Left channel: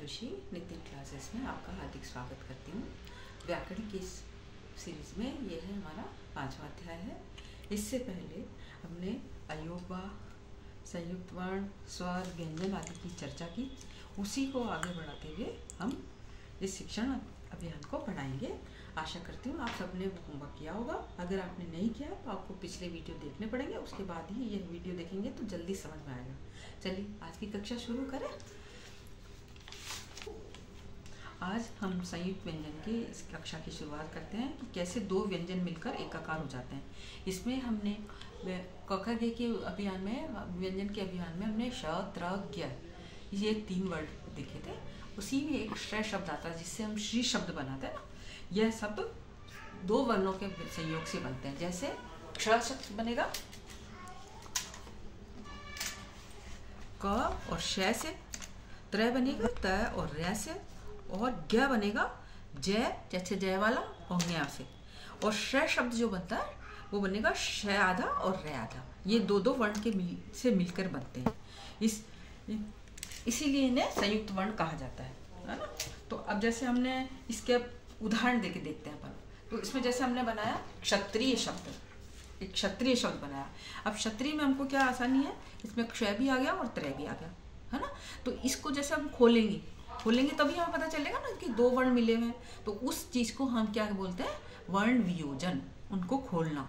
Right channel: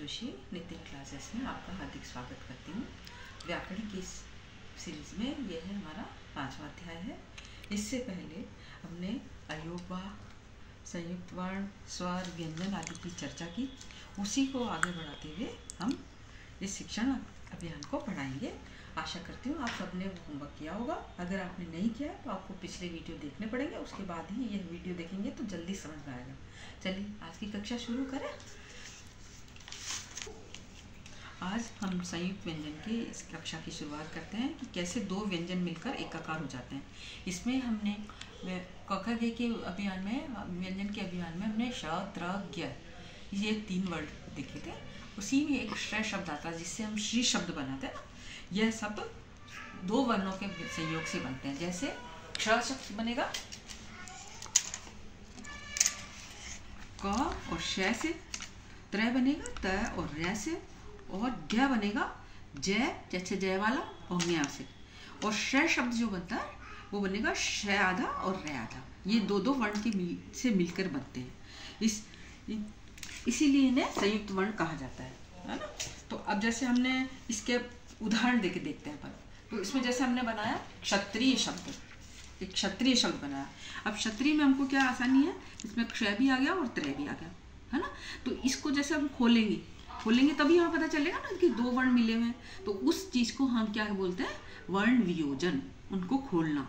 Joshi Nitin classes में आपका हार्दिक स्वागत करती हूँ। व्याकरण की इस सीरीज में यह है हमारा 5वां अध्याय है। इससे पहले हमने अयोगवा, संयुक्त वर्ण, स्वर, व्यंजन आदि की चर्चा की। उसी को आगे बढ़ाते हुए हम इस शिक्षण अभियान को पढ़ाएंगे। आशा करती हूँ आप सबने होमवर्क किया होगा। अगर आपने नहीं किया है तो आपको पिछले वीडियो देखने पड़ेंगे, उसके बाद ही यह वीडियो देखेंगे तो जल्दी समझ में आएगा। चलिए आज की कक्षा शुरू करें। आज हम संयुक्त व्यंजन की इस कक्षा की शुरुआत करते हैं कि कैसे दो व्यंजन मिलकर एकाकार हो जाते हैं। इसमें हमने क ख ग के अभियान में, व्यंजन के अभियान में हमने श, त्र, ज्ञ ये 3 वर्ड देखे थे। उसी में एक श्रेय शब्द आता है जिससे हम श्री शब्द बनाते हैं ना। यह सब दो वर्णों के संयोग से बनते हैं। जैसे क्ष शब्द बनेगा क और श से, त्र बनेगा त और रै से, और ज्ञ बनेगा जय, जैसे जय वाला, और न्या से। और श शब्द जो बनता है वो बनेगा श आधा और रे आधा। ये दो वर्ण के से मिलकर बनते हैं। इसीलिए इन्हें संयुक्त वर्ण कहा जाता है ना। तो अब जैसे हमने इसके उदाहरण देके देखते हैं अपन। तो इसमें जैसे हमने बनाया क्षत्रिय शब्द, एक क्षत्रिय शब्द बनाया। अब क्षत्रिय में हमको क्या आसानी है, इसमें क्ष भी आ गया और त्रय भी आ गया, है ना। तो इसको जैसे हम खोलेंगे तभी हमें पता चलेगा ना कि दो वर्ण मिले हुए हैं। तो उस चीज को हम क्या बोलते हैं, वर्ण वियोजन, उनको खोलना।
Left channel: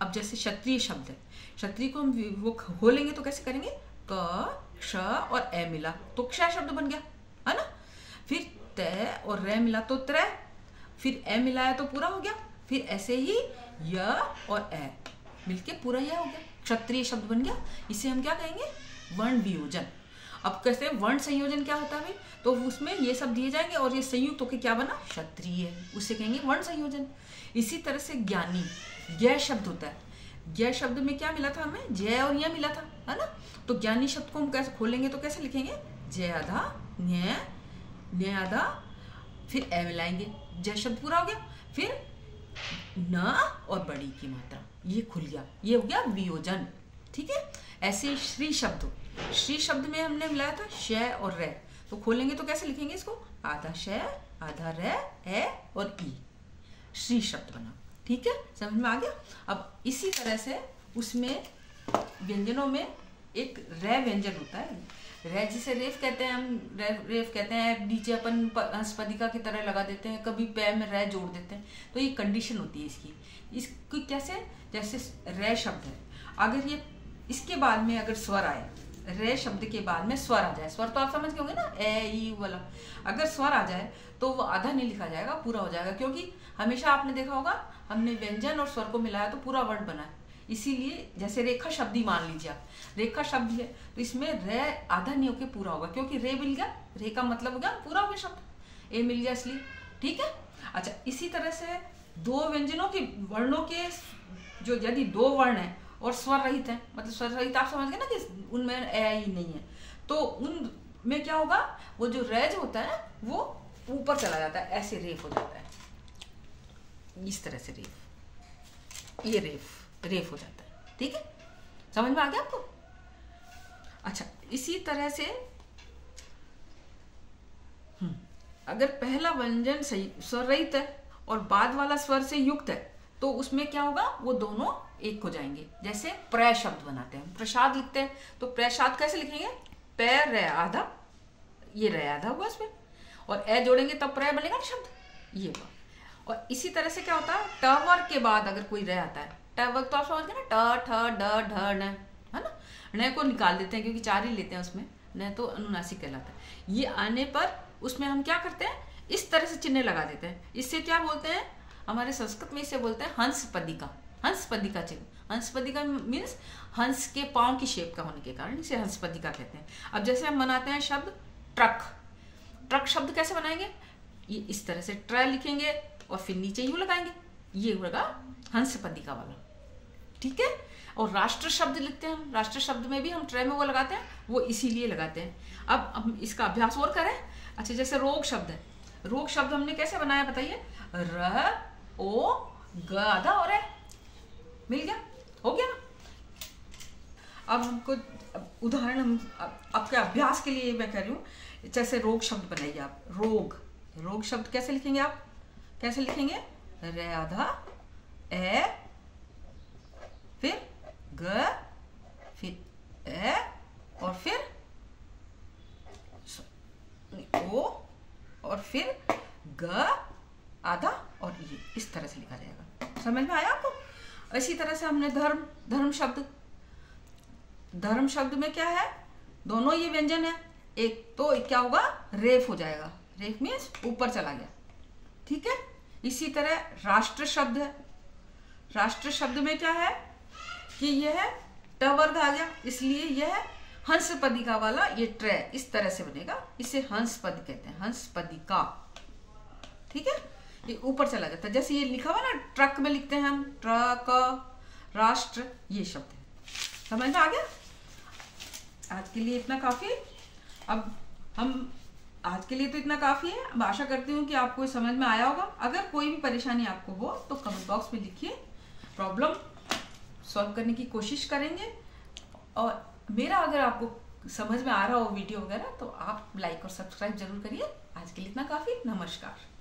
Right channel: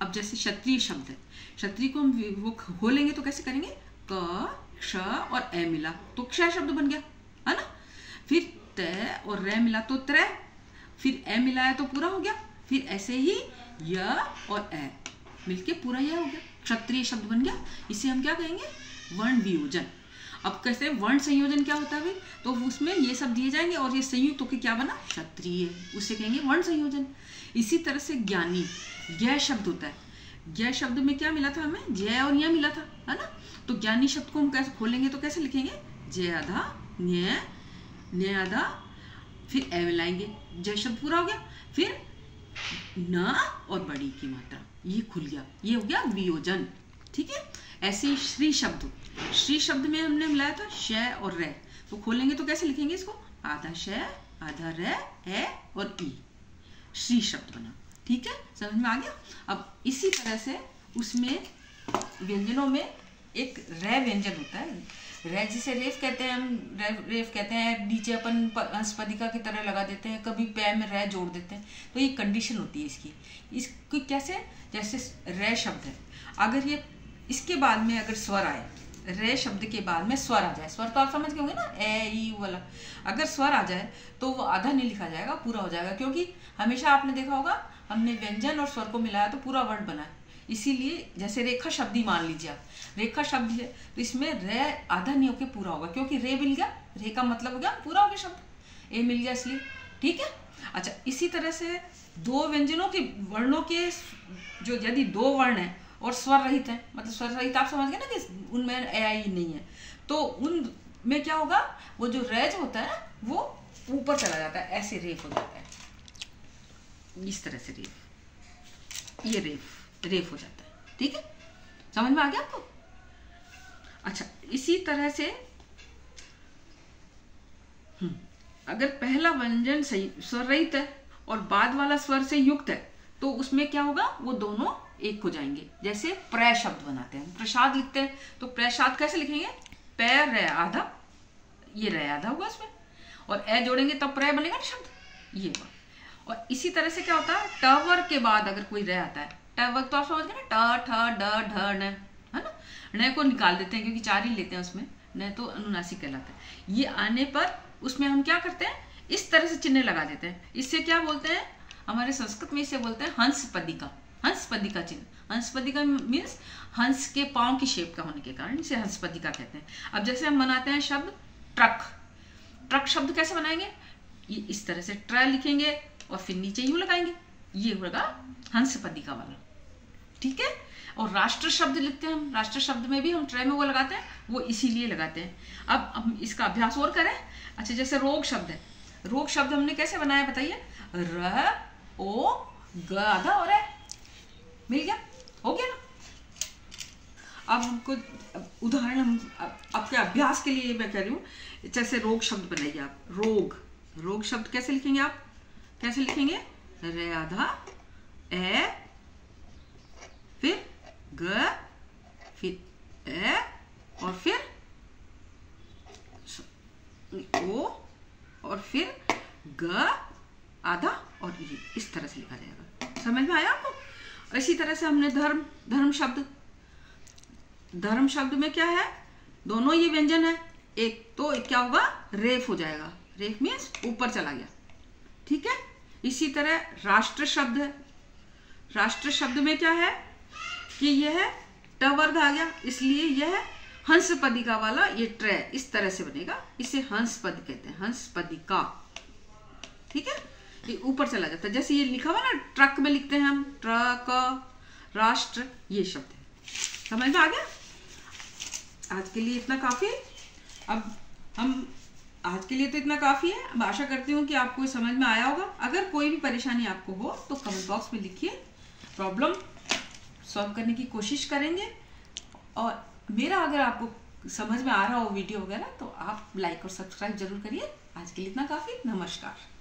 अब जैसे क्षत्रिय शब्द है, क्षत्रिय को हम वो खोलेंगे तो कैसे करेंगे, क क्ष और ए मिला तो क्ष शब्द बन गया, है ना। फिर त और रे मिला तो त्रय, फिर ए मिलाया तो पूरा हो गया। फिर ऐसे ही य और ए मिलके पूरा यह हो गया, क्षत्रिय शब्द बन गया। इसे हम क्या कहेंगे, वर्ण वियोजन। अब कैसे वर्ण संयोजन क्या होता है, तो उसमें ये सब दिए जाएंगे और ये संयुक्त होकर क्या बना, क्षत्रिय, उसे कहेंगे वर्ण संयोजन। इसी तरह से ज्ञानी, ज्ञ शब्द होता है। ज्ञ शब्द में क्या मिला था हमें, जय और य मिला था, है ना। तो ज्ञानी शब्द को हम कैसे खोलेंगे तो कैसे लिखेंगे, जय आधा, न्य आधा, फिर ए मिलाएंगे, जय शब्द पूरा हो गया। फिर न और बड़ी की मात्रा, ये खुल गया, ये हो गया वियोजन, ठीक है। ऐसे ही श्री शब्द, श्री शब्द में हमने मिलाया था श और रे, तो खोलेंगे तो कैसे लिखेंगे इसको, आधा श आधा रे ए और ई, श्री शब्द बना, ठीक है, समझ में आ गया। अब इसी तरह से उसमें व्यंजनों में एक रै व्यंजन होता है। रै जिसे रेफ कहते हैं, हम रेफ कहते हैं, नीचे अपन हंसपदिका की तरह लगा देते हैं, कभी पैर में रै जोड़ देते हैं। तो ये कंडीशन होती है इसकी कैसे, जैसे रै शब्द है, अगर ये इसके बाद में अगर स्वर आए, रे शब्द के बाद में स्वर आ जाए, स्वर तो आप समझ गए होंगे ना, ए ई वाला, अगर स्वर आ जाए तो वो आधा नहीं लिखा जाएगा, पूरा हो जाएगा। क्योंकि हमेशा आपने देखा होगा, हमने व्यंजन और स्वर को मिलाया तो पूरा वर्ण बना है। इसीलिए जैसे रेखा शब्द ही मान लीजिए आप, रेखा शब्द है तो इसमें रे आधा नहीं होकर पूरा होगा, क्योंकि रे मिल गया, रे का मतलब हो गया पूरा हो गया शब्द, ए मिल गया इसलिए, ठीक है। अच्छा, इसी तरह से दो व्यंजनों के वर्णों के जो यदि दो वर्ण है और स्वर रहित है, मतलब स्वर रहित आप समझ गए ना कि उनमें ए आई नहीं है, तो उनमें क्या होगा, वो जो रेज होता है वो ऊपर चला जाता है, ऐसे रेफ हो जाता है, इस तरह से रेफ, ये रेफ हो जाता है, ठीक है, समझ में आ गया आपको। अच्छा, इसी तरह से अगर पहला व्यंजन सही स्वर रहित है और बाद वाला स्वर से युक्त है तो उसमें क्या होगा, वो दोनों एक हो जाएंगे। जैसे प्रय शब्द बनाते हैं, प्रसाद लिखते हैं, तो प्रसाद कैसे लिखेंगे, पैर रे आधा, ये रे आधा होगा इसमें, और ए जोड़ेंगे तब प्रय बनेगा ना शब्द, ये हुआ। और इसी तरह से क्या होता है, टवर के बाद अगर कोई रे आता है, टवर तो आप समझ गए ना, ट ठ ड ढ न, है ना। न को निकाल देते हैं क्योंकि 4 ही लेते हैं उसमें, न तो अनुनासिक कहलाता है। ये आने पर उसमें हम क्या करते हैं, इस तरह से चिन्ह लगा देते हैं। इससे क्या बोलते हैं, हमारे संस्कृत में इसे बोलते हैं हंसपदिका, हंसपदिका चिन्ह। हंसपदिका मीन्स हंस के पांव की शेप का होने के कारण इसे हंसपदिका कहते हैं। अब जैसे हम बनाते हैं शब्द ट्रक, ट्रक शब्द कैसे बनाएंगे, ये इस तरह से ट्र लिखेंगे और फिर नीचे यूं लगाएंगे, ये होगा हंसपदिका वाला, ठीक है। और राष्ट्र शब्द लिखते हैं हम, राष्ट्र शब्द में भी हम ट्रे में वो लगाते हैं, वो इसीलिए लगाते हैं। अब हम इसका अभ्यास और करें। अच्छा, जैसे रोग शब्द है, रोग शब्द हमने कैसे बनाया बताइए, र ओ ग आधा और है, मिल गया, हो गया ना। अब हमको उदाहरण हम आपके अभ्यास के लिए मैं कह रही हूँ, जैसे रोग शब्द बनाइए आप। रोग शब्द कैसे लिखेंगे आप? कैसे लिखेंगे? रे आधा ए, फिर ग, फिर ए, और फिर ओ, और फिर ग आधा, और ये इस तरह से लिखा जाएगा। समझ में आया आपको? इसी तरह से हमने धर्म शब्द में क्या है? दोनों ये व्यंजन है। एक तो क्या होगा? रेफ हो जाएगा। रेफ मीन्स ऊपर चला गया, ठीक है। इसी तरह राष्ट्र शब्द है। राष्ट्र शब्द में क्या है कि यह ट वर्ग आ गया, इसलिए यह हंस पदिका वाला ये ट्रे इस तरह से बनेगा। इसे हंस पद कहते हैं, हंस पदिका, ठीक है। ये ऊपर चला जाता है, जैसे ये लिखा हुआ ना ट्रक में लिखते हैं हम, ट्रक, राष्ट्र, ये शब्द है। समझ में आ गया? आज के लिए इतना काफी। अब हम आज के लिए तो इतना काफी है। अब आशा करती हूँ कि आपको समझ में आया होगा। अगर कोई भी परेशानी आपको हो तो कमेंट बॉक्स में लिखिए, प्रॉब्लम सॉल्व करने की कोशिश करेंगे। और मेरा अगर आपको समझ में आ रहा हो वीडियो वगैरह तो आप लाइक और सब्सक्राइब जरूर करिए। आज के लिए इतना काफी। नमस्कार।